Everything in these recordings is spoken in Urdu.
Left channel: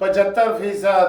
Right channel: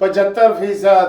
75%,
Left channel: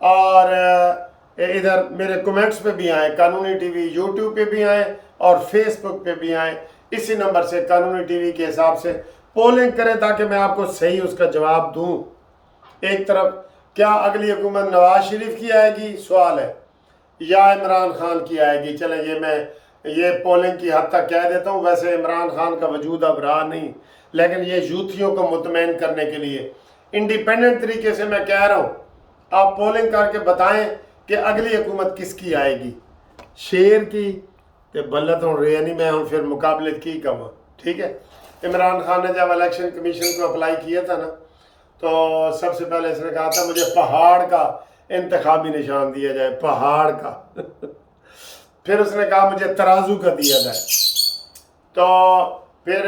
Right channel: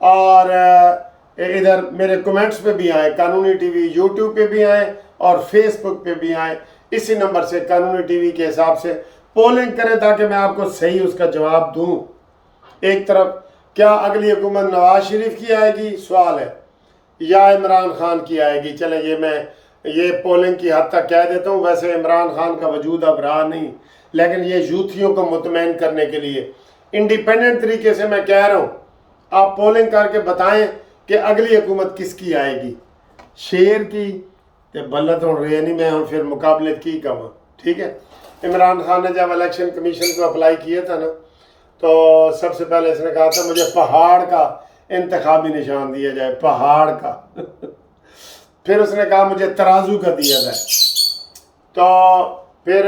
اور ادھر میرے کمنٹس پہ بھی آئیں، قانونی ٹی وی یوٹیوب پہ بھی آئیں اور فیس بک پہ بھی آئیں، اسی نمبر سے قانونی ٹی وی کے حساب سے پولنگ کریں تاکہ میں آپ کو صحیح اس کا جواب دوں۔ ایک طرف کیا اگلی حکومت نواز شریف کی آئے گی سوال ہے، یا عمران خان کی آئے گی؟ چلیں یہ پولنگ کی حد تک کہہ دیتا ہوں، ویسے عمران خان کا وجود اب رہا نہیں، لیکن یہ یوتھیوں کو مطمئن کرنے کے لیے انڈیپینڈنٹ طریقے سے میں کہہ رہا ہوں، آپ پولنگ کر کے بتائیں کہ اگلی حکومت کس کی آئے گی، شیر کی کہ بلت ہوں رہے نہیں، میں ہوں پھر مقابلت کی کہاں، ٹھیک ہے؟ عمران خان نے جب الیکشن کمیشن کو اپلائی کیا تھا نا، تو سب سے پہلے اس نے کہا تھا مجھے پہاڑ کا انتخابی نشان دیا جائے، پہاڑ کا پھر اس نے کہا مجھے ترازو کا دیا جائے، تو پھر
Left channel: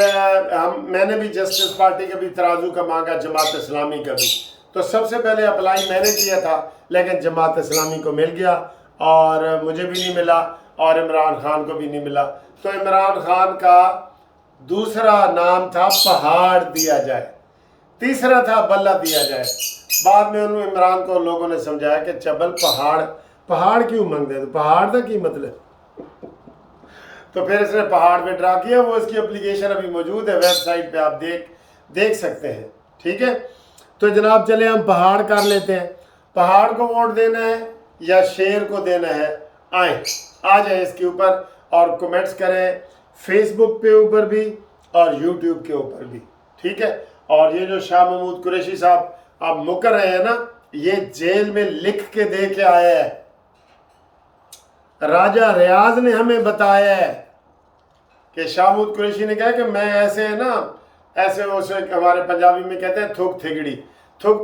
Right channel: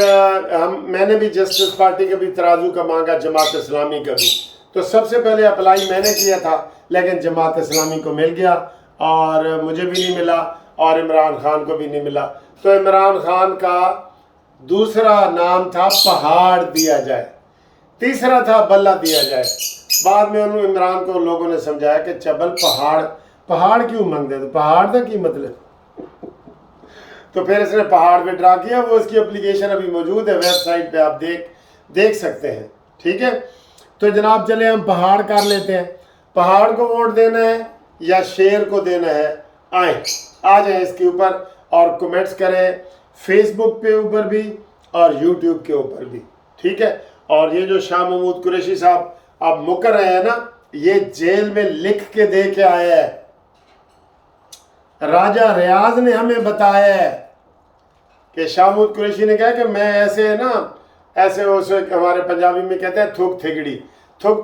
میں نے بھی جسٹس پارٹی کا بھی ترازو کا مانگا، جماعت اسلامی کا بھی، تو سب سے پہلے اپلائی میں نے کیا تھا، لیکن جماعت اسلامی کو مل گیا اور مجھے بھی نہیں ملا اور عمران خان کو بھی نہیں ملا، تو عمران خان کا دوسرا نام تھا پہاڑ دیا جائے، تیسرا تھا بلہ دیا جائے۔ بعد میں انہوں عمران کو لوگوں نے سمجھایا کہ چبل پہاڑ کیوں مانگتے ہیں، تو پہاڑ تھا کی مطلب تو پھر اس نے پہاڑ پہ ڈرا کیا، وہ اس کی اپلیکیشن ابھی موجود ہے ویب سائٹ پہ، آپ دیکھ سکتے ہیں، ٹھیک ہے؟ تو جناب چلے ہم پہاڑ کر لیتے ہیں، پہاڑ کو ووٹ دینا ہے یا شیر کو دینا ہے؟ آ جائیں اس کے اوپر اور کمنٹس کریں، فیس بک پہ اوپر بھی اور یوٹیوب کے اوپر بھی، ٹھیک ہے؟ اور یہ جو شاہ محمود قریشی صاحب آپ مکر رہے ہیں نا، یہ جیل میں لکھ کے دے کے آیا ہے، راجہ ریاض نے ہمیں بتایا ہے کہ شاہ محمود قریشی نے کہا کہ میں ایسے ہمارے پنجابی میں کہتے ہیں تھک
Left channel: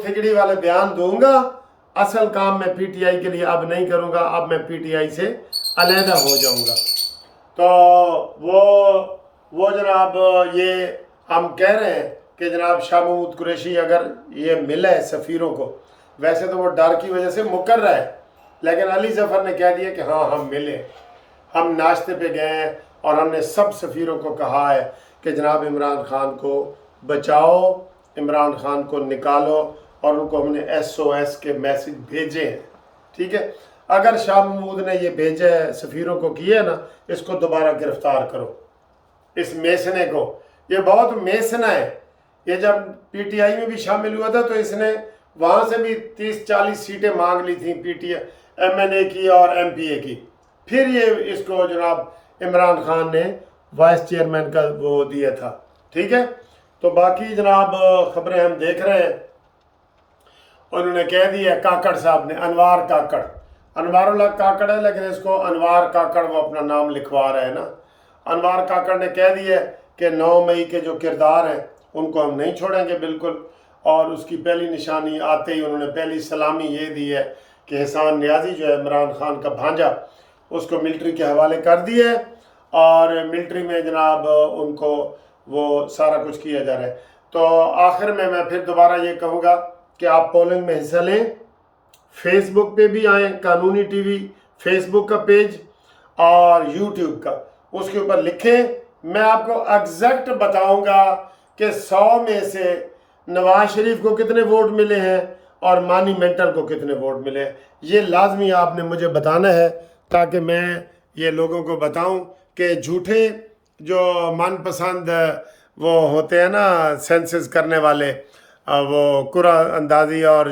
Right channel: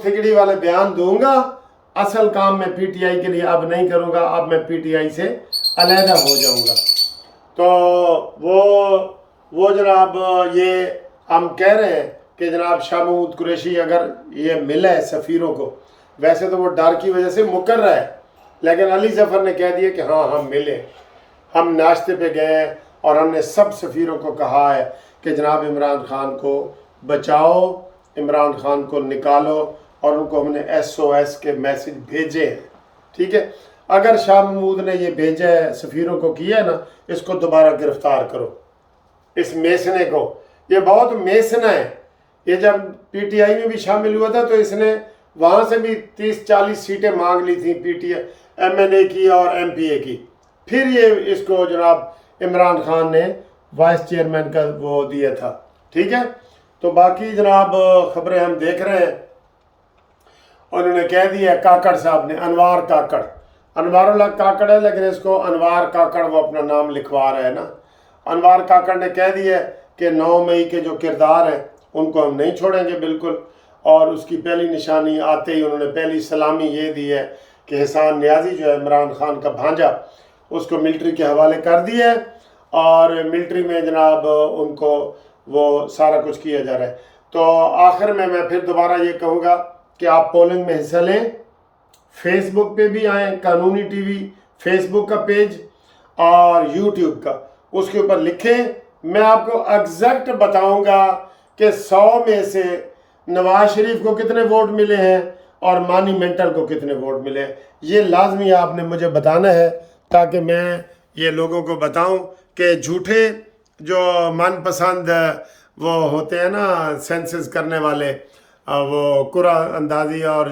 تھگڑی والے بیان دوں گا، اصل کام میں پی ٹی آئی کے لیے اب نہیں کروں گا، اب میں پی ٹی آئی سے علیحدہ ہو جاؤں گا۔ تو وہ جناب یہ ہم کہہ رہے ہیں کہ جناب شاہ محمود قریشی اگر یہ ملا ہے سفیروں کو، ویسے تو وہ ڈر کی وجہ سے مکر رہا ہے، لیکن علی ظفر نے کہہ دیا کہ ہاں ہم ملے، ہم ناشتے پہ گئے ہیں اور ہم نے سب سفیروں کو کہا ہے کہ جناب عمران خان کو بچاؤ، عمران خان کو نکالو، اور ان کو ہم نے SOS کے میسج بھیجے ہیں، ٹھیک ہے؟ اگر شاہ محمود نے یہ بھیجا ہے سفیروں کو کیا ہے نا، اس کو دوبارہ گرفتار کرو، اس میسنے کو، یہ بہت میسنا ہے، یہ جب پی ٹی آئی میں بھی شامل ہوا تھا تو اس نے وہاں سے بھی 30-40 سیٹیں مانگ لی تھیں، MNA کی اور MPA کی، پھر یہ اس کو جناب عمران خان نے وائس چیئرمین کا وہ دیا تھا، ٹھیک ہے؟ تو باقی جناب خبریں ہم دیکھ رہے ہیں، انہوں نے کہہ دیا کاکڑ صاحب نے، انوار اللہ کاکڑ ہے لیکن اس کو انوار کاکڑ وہ اپنا نام لکھوا رہا ہے نا، انوار کاکڑ نے کہہ دیا کہ 9 مئی کے جو کردار ہیں ان کو ہم نہیں چھوڑیں گے بالکل، اور اس کی پہلی نشانی آتے ہی انہوں نے پہلی سلامی یہ دی ہے کہ احسان نیازی جو ہے عمران خان کا بھانجا، اس کو ملٹری کے حوالے کر دیا ہے، اور ملٹری میں جناب ان کو وہ سارا کچھ کیا جا رہا ہے۔ تو آخر میں پھر دوبارہ یہ کہوں گا کہ آپ پولنگ میں حصہ لیں، فیس بک پہ بھی آئیں، قانونی ٹی وی فیس بک کا پیج اور یوٹیوب کا، اس کے اوپر لکھیں، میں آپ کو ایگزیکٹ بتاؤں گا کہ 100 میں سے نواز شریف کو کتنے ووٹ ملے ہیں اور مانی مینٹل کو کتنے ووٹ ملے ہیں، یہ لازمی آپ نے مجھے بتانا ہے تاکہ میں یہ لوگوں کو بتاؤں کہ جھوٹے جو من پسند وہ ہوتے ہیں نا سینسس کرنے والے، وہ قرعہ اندازی اور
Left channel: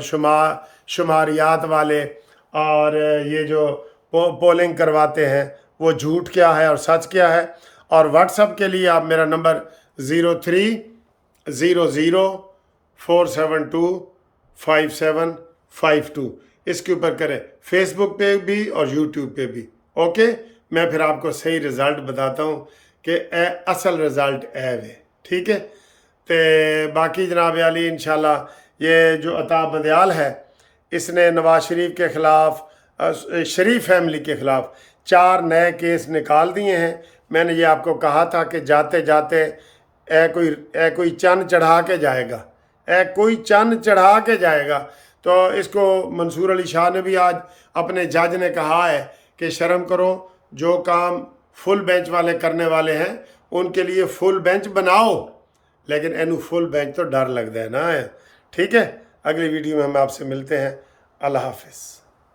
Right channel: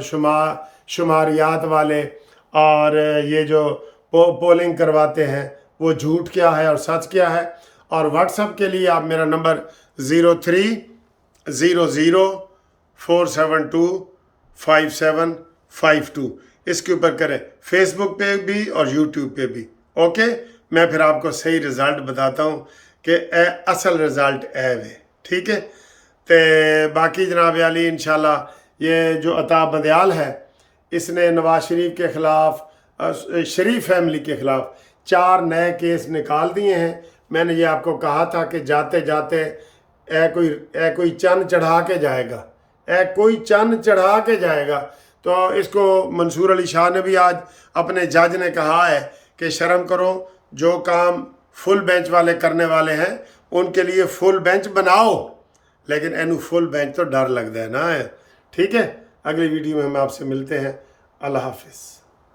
شماریات والے، اور یہ جو پولنگ کرواتے ہیں وہ جھوٹ کیا ہے اور سچ کیا ہے۔ اور واٹس اپ کے لیے آپ میرا نمبر 0300472572 اس کے اوپر کریں، فیس بک پہ بھی اور یوٹیوب پہ بھی، اوکے؟ میں پھر آپ کو صحیح رزلٹ بتاتا ہوں کہ اصل رزلٹ ہے، ٹھیک ہے؟ تو باقی جناب علی انشاءاللہ یہ جو عطا بدیال ہے، اس نے نواز شریف کے خلاف، شریف فیملی کے خلاف 4 نئے کیس نکال دیے ہیں۔ میں نے یہ آپ کو کہا تھا کہ جاتے جاتے کوئی چند چڑھا کے جائے گا، کوئی چند چڑھا کے جائے گا۔ تو اس کو منصور علی شاہ نے بھی آج اپنے جج نے کہا ہے کہ شرم کرو، جو کام فل بینچ والے کرنے والے ہیں ان کے لیے فل بینچ بناؤ، لیکن اینو فل بینچ تو ڈر لگتا ہے نا، ٹھیک ہے؟ اگلی ویڈیو میں ہم آپ سے ملتے ہیں، اللہ حافظ۔